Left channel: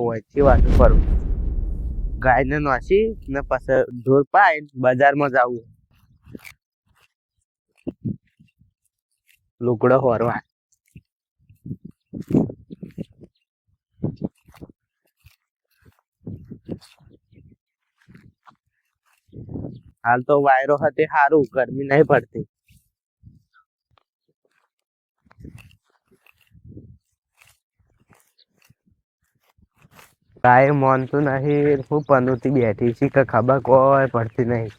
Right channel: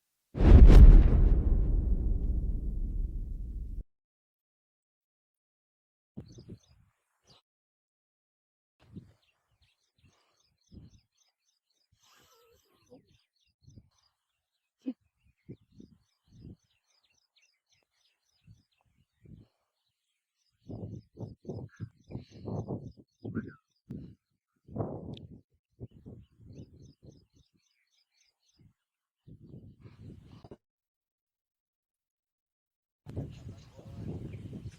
વચ્ચે વાત કરું ગાયને નાસી ને પછી ઢોર પાઈ બજારમાં જવું લુગડો હોરવા હાલ તો વાયરો હતી સારું ગરમી નહીં પડતી ગાય માનતું નહીં હું પનોતી બેઠી છે કે ખબર કોઈ પડતી નહીં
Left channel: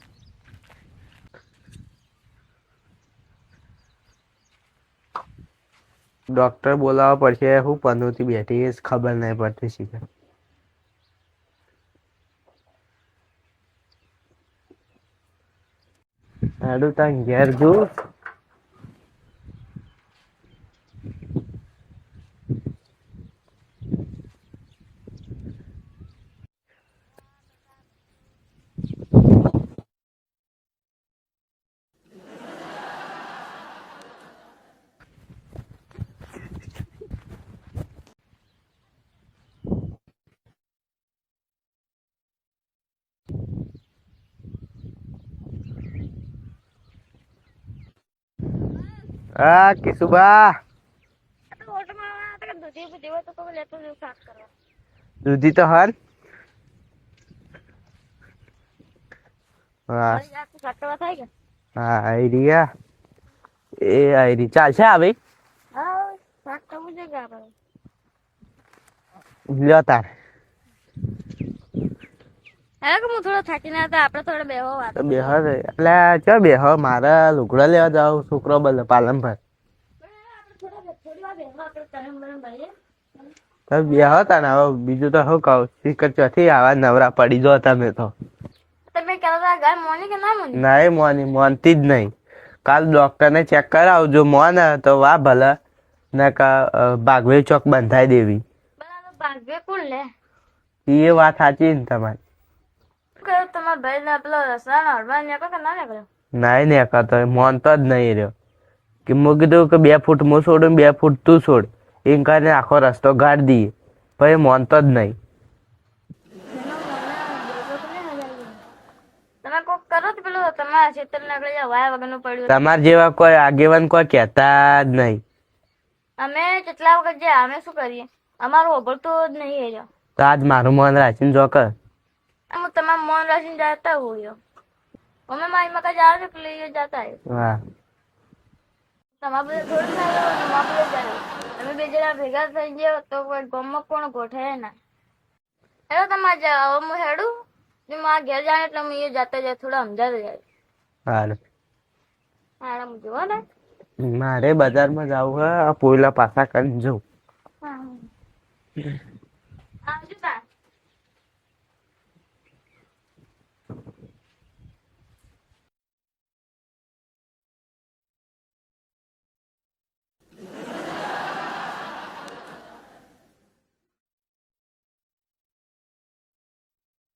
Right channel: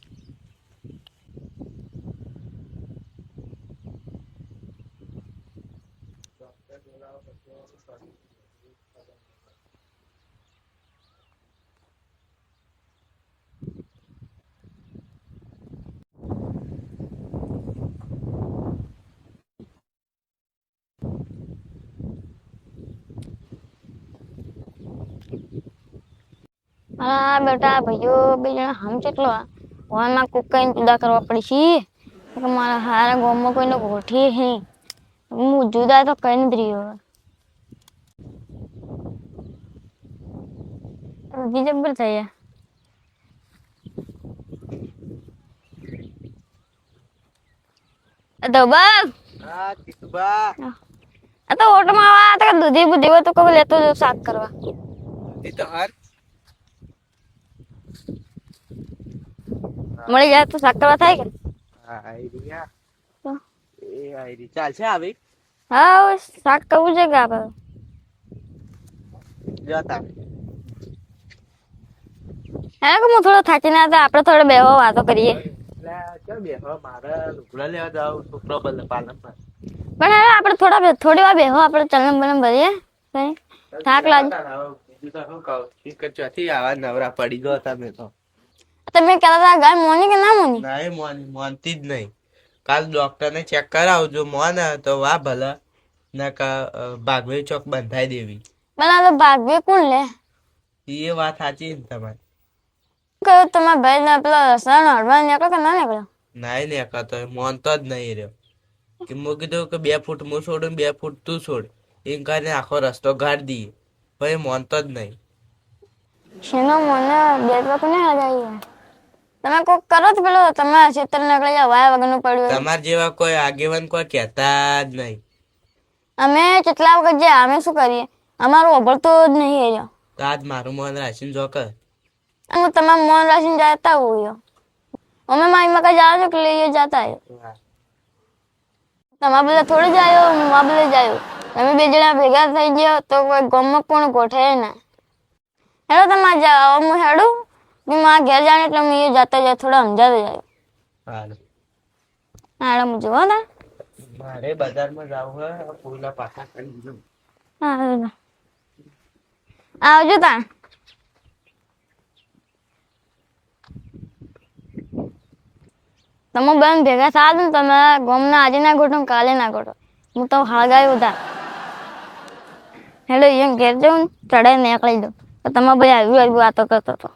ડોક્ટર બોલાવવા પડશે હું પનોતી બેઠી ખબર નહીં પડતી છે હાડું તાં ઘેર જો હા બેટા ભાઈઓ બે જણા હમ કેટલો ફોનમાં કોક કઈ જુદા કરવા પડી છે મારા હારા ગામમાં કોઈને ગોઠી હે હું જુદા તો કઈ નથી રહ્યો જબર થઈ તો બસ હા કિશુબા આ તો ઓટમાં આવા તો દૂધી બુધી હોય તો કબ લેતો જો શાક કરવા દૂધી તો હર મળી જાય તો શાક કરવા થાય કે હા આઈડિયા એ આઈડી ચાલશે આવે હા શાક કરવું છે કે આપણે લ્યો તાર હા કે હું થોડો થાકીને હતા આપણે થોડો બેહો વાતો કરીએ એટલે ચો બેહો મારા લુગડા લેવા જાવ છોકરો પાલન પર પણ હવે આપણે થોડી વાર બેહો આપણે ચલમ બલમ ભરીએ બીજું તો શું કહું શીખર ચોથી આવા નવરા પડી જો તમે તો તમે કહેતા ગાય મોની કે ના મોની નહીં મોનતી જ નહીં કાલ ડોક્ટર ને ચેક કરાવજો મોન તો વાહ ભલે ને ભાગવે ચોક બંધાઈ દેવી ભલા તો ભાગવે કોણ લે એ વાત સાચી ને તમારી કયો તમારા ભાઈ ને પેલા રસ્તા હડવા નીકળો કે ના નીકળ્યો નહીં નીકળતો મોનતો જ નહીં રહ્યો કે મેં કીધું કે 2 ફૂટ હું છોડું 2 ફૂટ તું છોડ એમ કરીને આખો રસ્તો ગાડી દઈએ પછી મોનતો જ નહીં શેનો મને બે લોકો ને હજાય તમે કોક કરો તો પેલો તમે ક્ષેત્ર નીકળી જાવ વાય વગરનું પડ્યું તમાર જેવા કોઈ આગેવાન કોઈ કહેતા જ નહીં અમે કેટલા વખત જે અમે શું કરીએ અમારું અભળતો જ નહીં રહ્યો તો આજ મારું મન રાખીને જો કર અમે તમારું મન રાખીને જતા હોય અમે મારી મકા જાવ છો કે લઈએ જતા હા તમારા બધા થોડી જાય ને મા બધા જાય તમે બે જણા ભેગા થઈ ગયો તો કોઈ ગામમાં કોણ ગોઠે ના હેડો તમારે જાવ હું હેડું મારા ઘેર જાણ એટલે હું એ જતા જાય થોડા સમજાતા જાય હારું હેડો હું જોવા તા મારે બજારમાં જવું હે પોયલા પાછા કરીને જવું હા આવજો તા તમે બેન ભેગા થયા ને તમે ગામના આજે ના ગોઠો કાલે ના ગોઠો હું તો હાગાયું હતા હેડો એમ ઘેર જાઉં ચડાઈ નીકળી દઉં તો તમે ભાઈ આવી વાતો કરતો હતો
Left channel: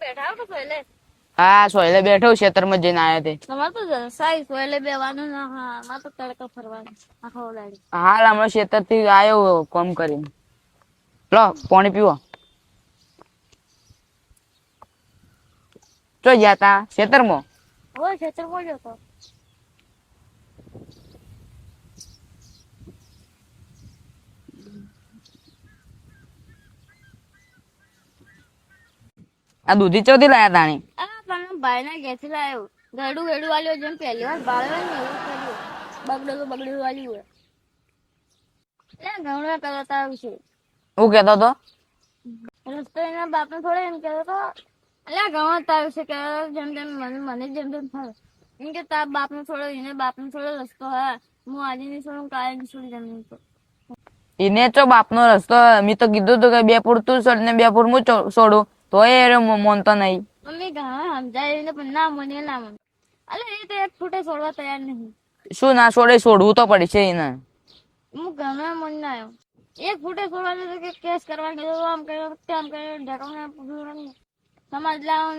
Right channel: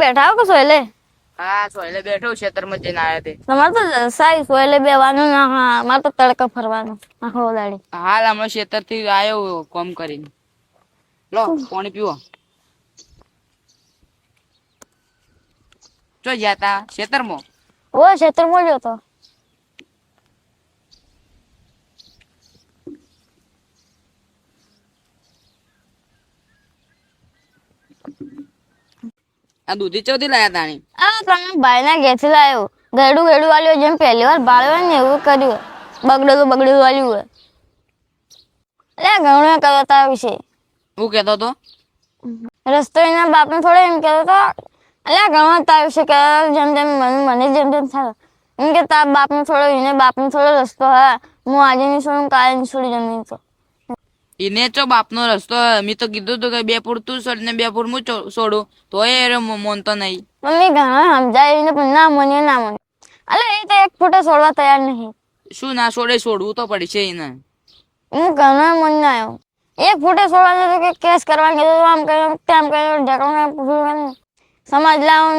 બેઠા હો કે સોયલે હા સોયલે બેઠો ખેતરમાં જઈને આવ્યો તે તમારે તો જલસાઈ સોયલે બેવાનું ના હા મારે તો તડકો ફરવાનું આખો દાડી હાલ હમણાં ખેતર થી આવ્યો કામ કરીને લો પાણી પીવો ચો ગયા તા ખેતરમાં ઓ ક્ષેત્રમાં જ હતો આ દૂધી ચોથી લાયા તાણી આ તમે ભાઈ ના ઘેરથી લાવ્યો ગેડું ગેડું વાળ્યો જેમ પહેલી વાર બાળ્યો ને એવું કર્યું બગડેલું વાળ્યું હોય એટલે ઘણું કરતા વિશે હું કેતો તો રસ્તો એના બાપને થોડો એમ કહેતો હતો એટલે ઘણો તાર વિશે કે જેમ જેમ મને જેમ જેમ થાય એમ કે તાર બાપનો થોડો રસ્તો હા હું આજે નહીં છોડું કાલે નહીં છોડી જમીન તો એને તો બાપનો રસ્તો મેં તો કીધું હતું કે 2 ફૂટ તું છોડ ને 2 ફૂટ હું છોડું તો એ મોનતો નહીં મમ્મી ઘણા સમજાવીને પણ ના મને એટલે એ તો 1 ફૂટે છોડવા તૈયાર નહીં શું ના છોડે છોડવું તો પડશે એને હું ઘણા મન ના આવ્યો 1 ફૂટે છોડવા જતો કે કેસ કરવા કીધું આમ કર્યું તેમ કર્યું ઢેકણું સમાજ લાવું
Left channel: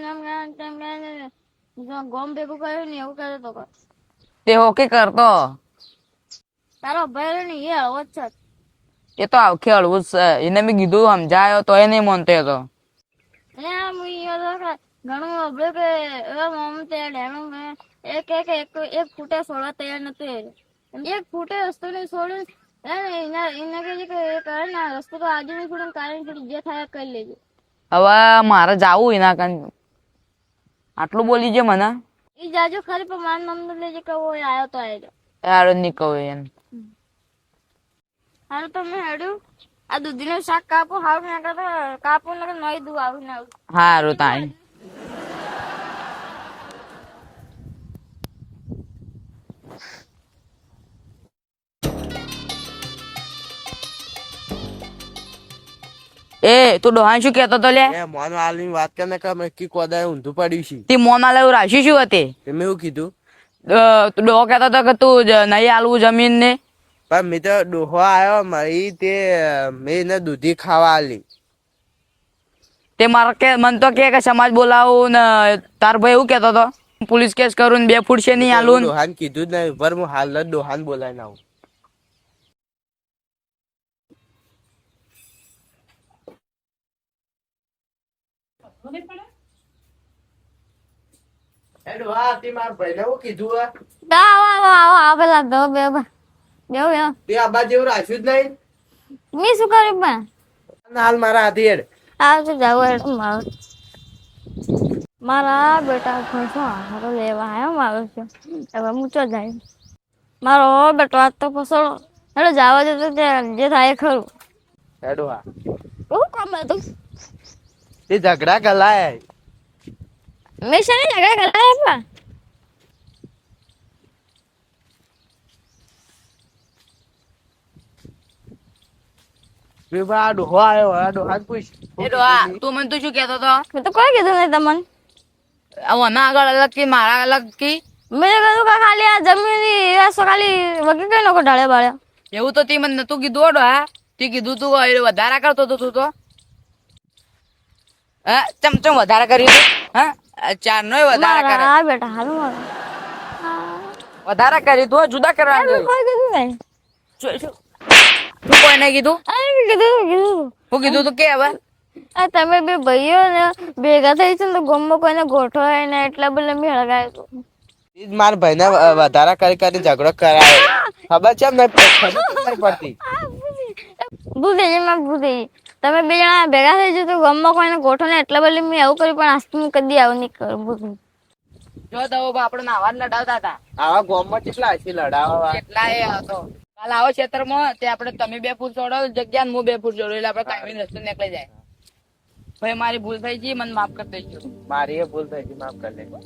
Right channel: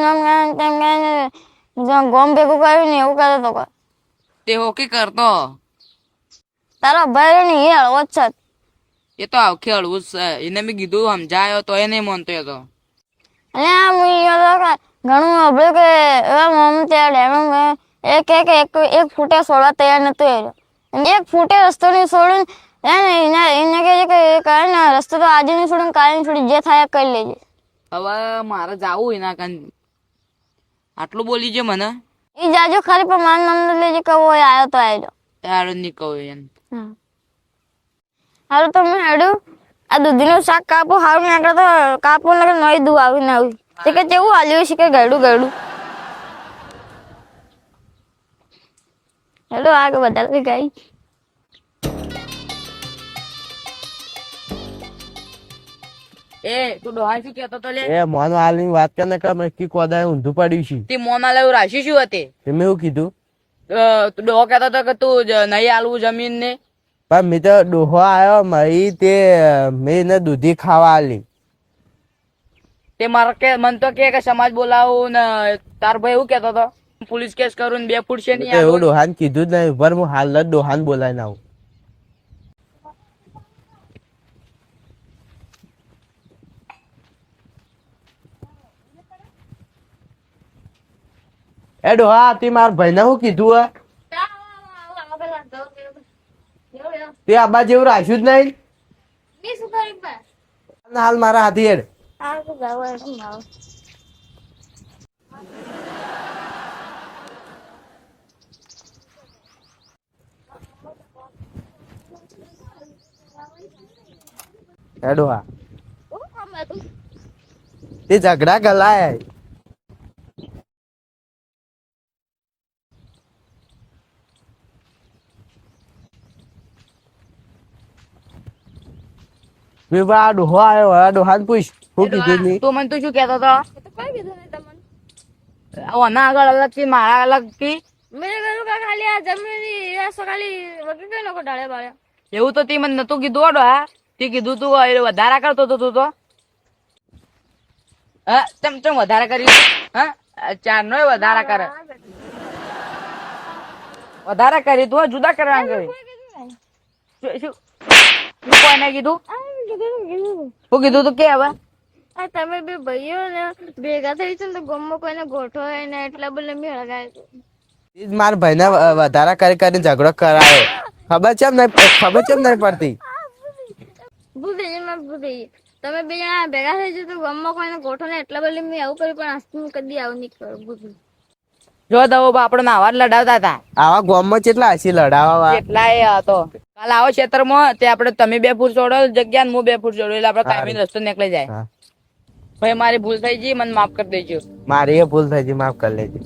તેમ ગોમ ભેગું કર્યું ને એવું કરતો હતો તે હોકે કરતો તારો ભાઈ ને એ હળવો જ છે. એ તો આખે હળવું જ છે. એને મેં કીધું સમજાયો તો એ નહીં માનતો એ તો. એટલે આમ ઘણું સાંભળ્યું કે એવા મમ્મી ત્યાં ડેમ એ કે એક ફૂટે છોડવા તૈયાર નતું એ રહ્યો. અને એક ફૂટે રસ્તો નહીં છોડ્યું એને કહે છે કે કાલે ને રસ્તો તો આજે નહીં છોડ્યું કાલે નહીં છોડી જે થાય એ કરી લેજે. હવે મારે જાવું એના કન આટલું બોલી છે મને. એ જાજો ખાલી પણ માન નામ લેજે કે वो आयो तो आयो. હારું નહીં કહું એમ. હારું તો મેં હેડ્યું આ દૂધીનું શાક કાપો હારું નાખે તો કાપો ને નવી દૂધ આવી ને આવી કે જેવું હાલ્યું છે કે ગળું ગળું હેડો આગળ વધારે ગઈ. એ તું ડોહાન શું કહેતો તો લે? એ મોન હાલની વાત કરે કે મેં કી કોદાય ઊંધું પડ્યું છે. તે મોન આલે એવું રાખ્યું શું હતી? મેં એવું કીધું તું ડોહો કહેતો તો કે તું નહીં આલવું જમીન ને. પણ મેં તો ડોહો આવ્યો મારી તે મેં એને દૂધી ખાવા આલી. તે મારે કે મન તો કે સમાજ બોલાવું ને તાર ભાઈ એવું કહેતો તો પોલીસ કેસ કરું ને 2 ફૂટ છે નહીં આલું. ડોહાન કીધું જ નહીં ઉપર હું હાલ જ ડોહાન બોલાવીને આવું. એ ડોહા તે મારા ભાઈને શું કીધું હે? આવો આવો આવો આવો પેલા દો બે બે તે આબા જેવું રાખ્યું જ નહીં. મેં શું કર્યું પણ હાલ મારા હાથી હેડ. આવજો જાવ મારા બેટા મારો લેવા આવ્યો મારો છે હવે મૂચો જાય મારો બેટો આજ તો ફસડો હેડો જવા દે તો જે થાય એ ખરું. એ ડોહા બહુ કામ હતું તે ઝઘડા કલાય મેં છે ને ઝઘડા કરાય પણ વિવા ડોહો આવ્યો આ ડોહાને પૂછ શું એ કીધું ડોહા, ની? તું મને તું શું કહેતો તો? મેં તો કોઈ કીધું નહીં તમને. આના આગળ અલગ કી મારા અલગ કી મેં કીધું કે ખાલી આ જમીન એસો ખાલી વગી કઈ નો ઢાળે બાળે એવું તો તે મને નતું કીધું હો ડોહા. તે કીધું તું એ વધારા કરતો તો તું તો ચમચમ વધારા કર્યું હા ચાર નો વધારા કરે હા બેટા હારું મારું વધારા કરી તું જુદા કરવાનું કોઈ કીધું નહીં કોઈને કીધું આ મેં કીધું હું કીધું તું કે હવે આ તમે બે ભાઈઓ ને ભેગા થઈ છે ને તો ગમમાં કોઈને ગોઠવાય ને એટલા બધા મેં હળગાય તો ઈ જ મારા ભાઈને વધારા કરી કરીને ઝઘડો કરાવે. ખબર ચેમ નહીં પડતી? ભૂલ થઈ જાય મારે ભૂલ થઈ જાય. તમે બે જણા ભેગા થઈ જજો તો ગમમાં કોઈને ગોઠો ને એટલા બધા મેં એવું કર્યું પણ આજથી હું કદી આવું નહીં કરું ભૂલ. જો દવો આપણે આવા જ લડાવતા હતા આવા ગામમાં કેટલા હસી લડાવા કેટલા એ હતો કાલ આવો ક્ષેત્રમાં તે આપણે તમે 2 ફૂટ છોડો જગ્યા ને હું 2 ફૂટ છોડો એટલે આપણે કાયમી રસ્તો નીકળી જાય. ભાઈ મારી ભૂલ થઈ ગઈ મને માફ કરી દેજો. મારી એ ભૂલ થઈ ગઈ માફ કરી લેજો.